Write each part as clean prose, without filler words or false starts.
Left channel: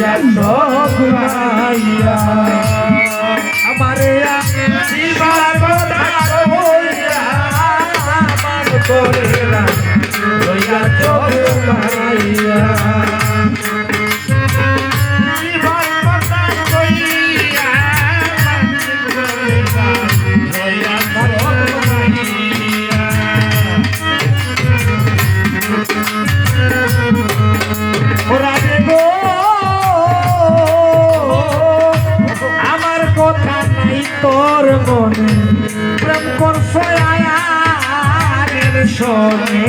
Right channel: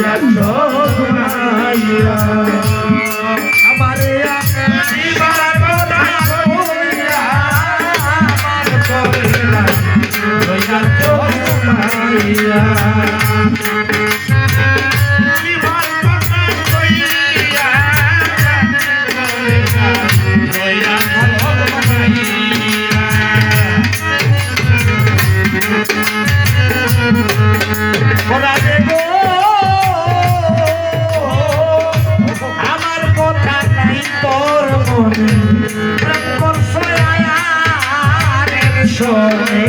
রইয়া চোখ মাইয়া আমারে জীবন রইয়া মান করিলা রইয়া চোখ মাইয়া আমার কথা নাই তোর মনে প্রেম করছয়ার সনে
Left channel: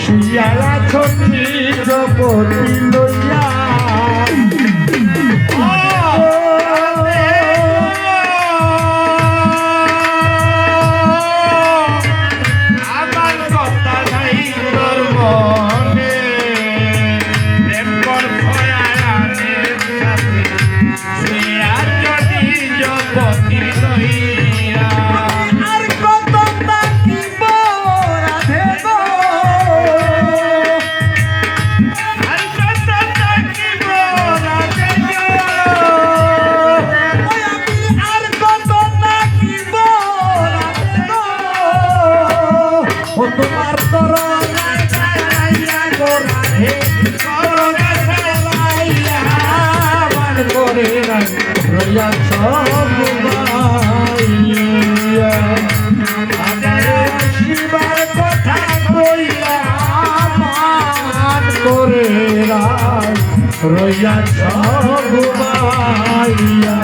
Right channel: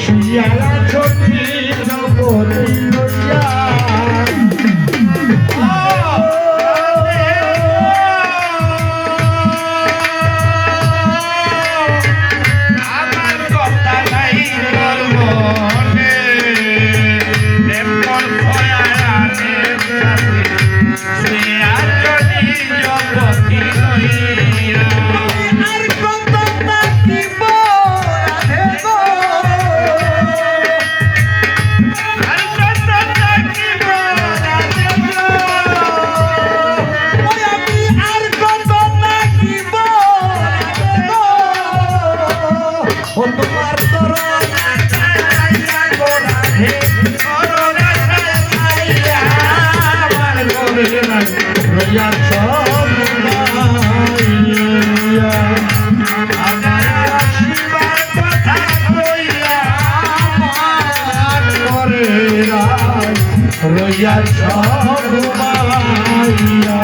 শিয়ালা ছবি জগতি লইয়া আমার কথা নাই তোর মনে তোমার রইয়া সব আমার শিবার কথা কইয়া মান করে রইয়া সব মাইয়া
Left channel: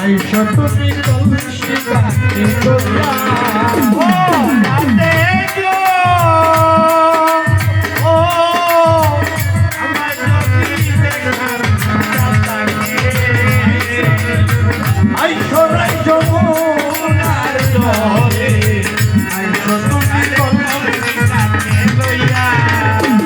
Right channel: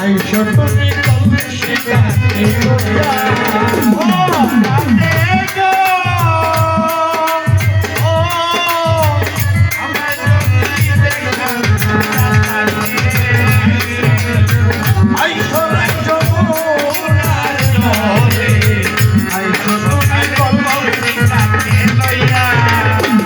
আইসো তুমি কলসি কাছে তোরা আইসো রাইজো মোনার জলে আইসো তুমি কলসি কাছে তোরা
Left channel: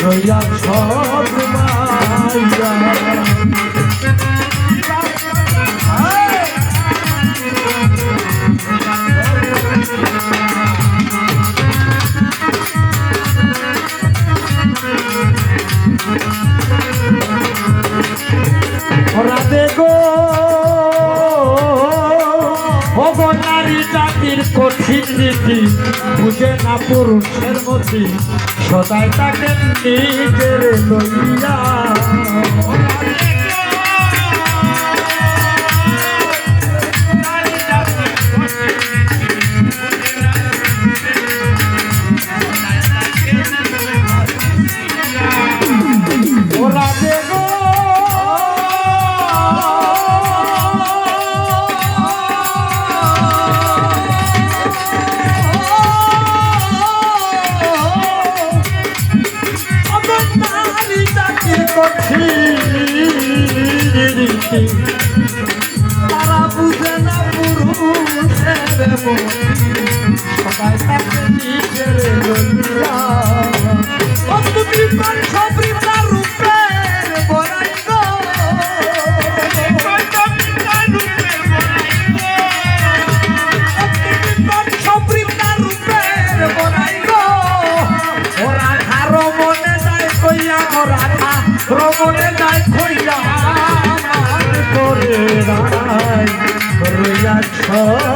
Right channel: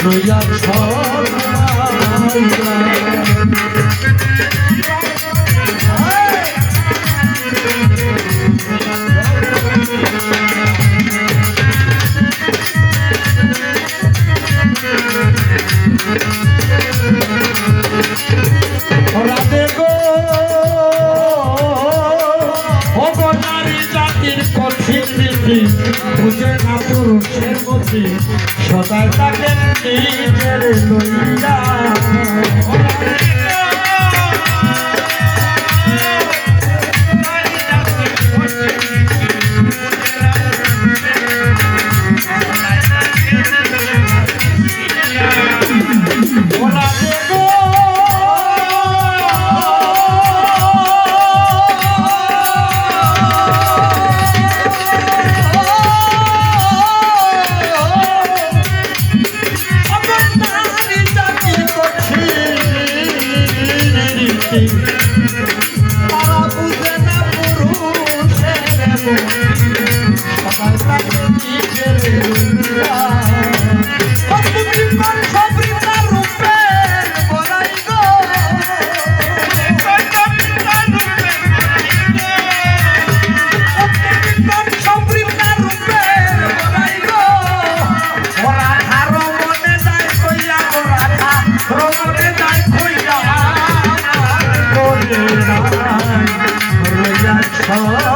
রইয়া সব মাইয়া রাধে গো নারী জাতির কঠিন নীতি বুঝে না পুরুষের মতি সদাই তাকে নিজের লইয়া তারা বুঝে না পুরুষের সবাই তাকে নিজের লইয়া তুমি সবই তার রূপের বলাই গো সবই তার রূপের বলাই গো ওরা ধারো মনে যায় কইয়া ওরা ধারো মনে যায় কইয়া রইয়া